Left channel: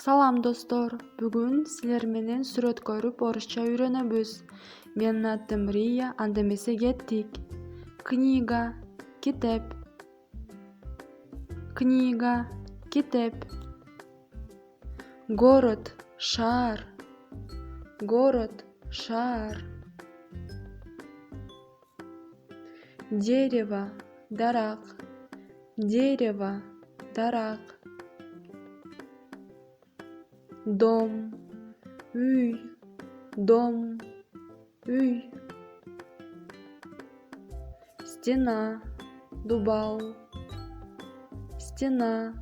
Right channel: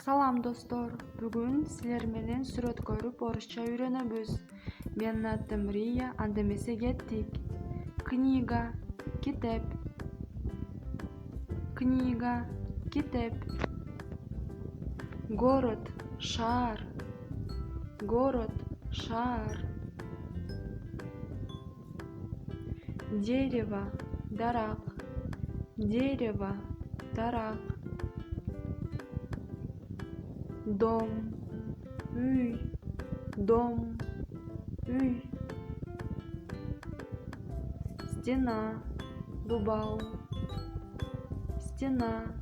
Салам достор, бүгін сілер менен сүрөт көрүп орусча үйрөнөбүз. Менин атым Рия, анда эмесе кеттик. Книга, китеп. Книга, китеп. Город, шаар. Город, шаар. Дерево, дарак. Дерево, дарак. Дом, үй, дом, үй. Стена, дубал. Стена,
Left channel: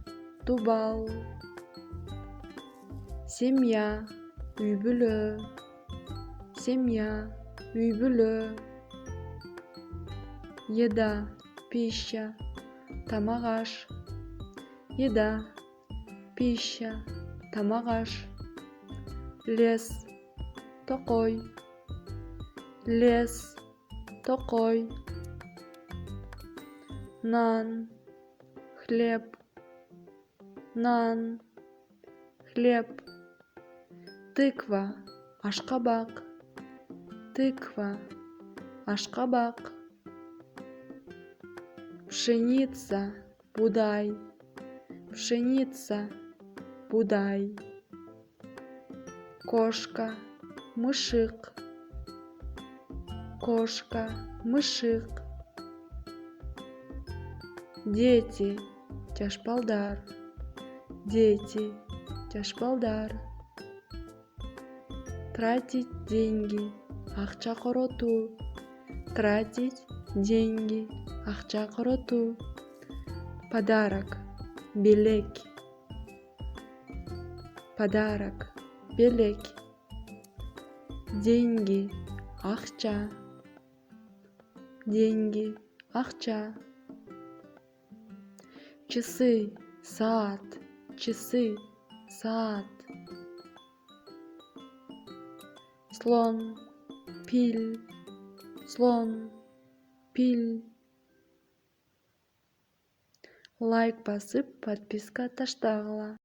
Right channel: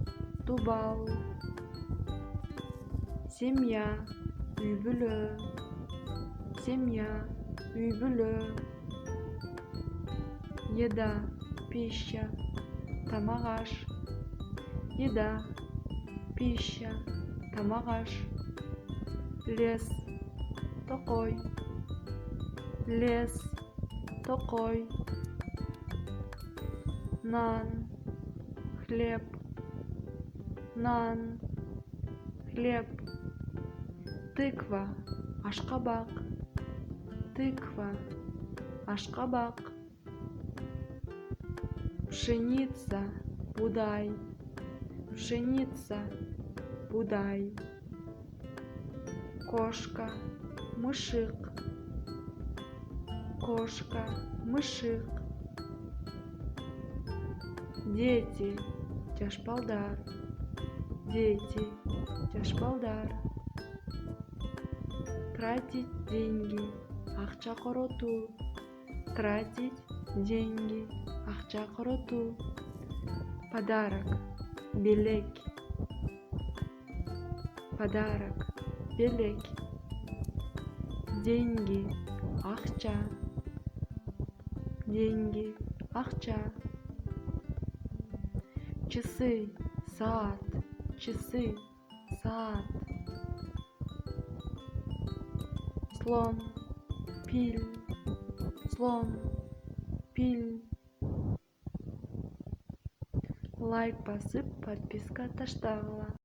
дубал. Семья, үй-бүлө. Семья, үй-бүлө. Еда, пища, тамак аш. Еда, пища, тамак аш. Лес, токой. Лес, токой. Нан, хлеб. Нан, хлеб. Тыква, ашкабак. Тыква, ашкабак. Пшеница, будай. Пшеница, будай. Кошка, мышик. Кошка, мышик. Дети, жашпалдар. Дети, жашпалдар. Тратить деньги, акча коротуу. Тратить деньги, акча коротуу. Подарок, белек. Подарок, белек. Деньги, акча. Деньги, акча. Часы, саат. Часы, саат. Слон, пиль. Слон, пиль. Лайк басып, подписка таштагыла.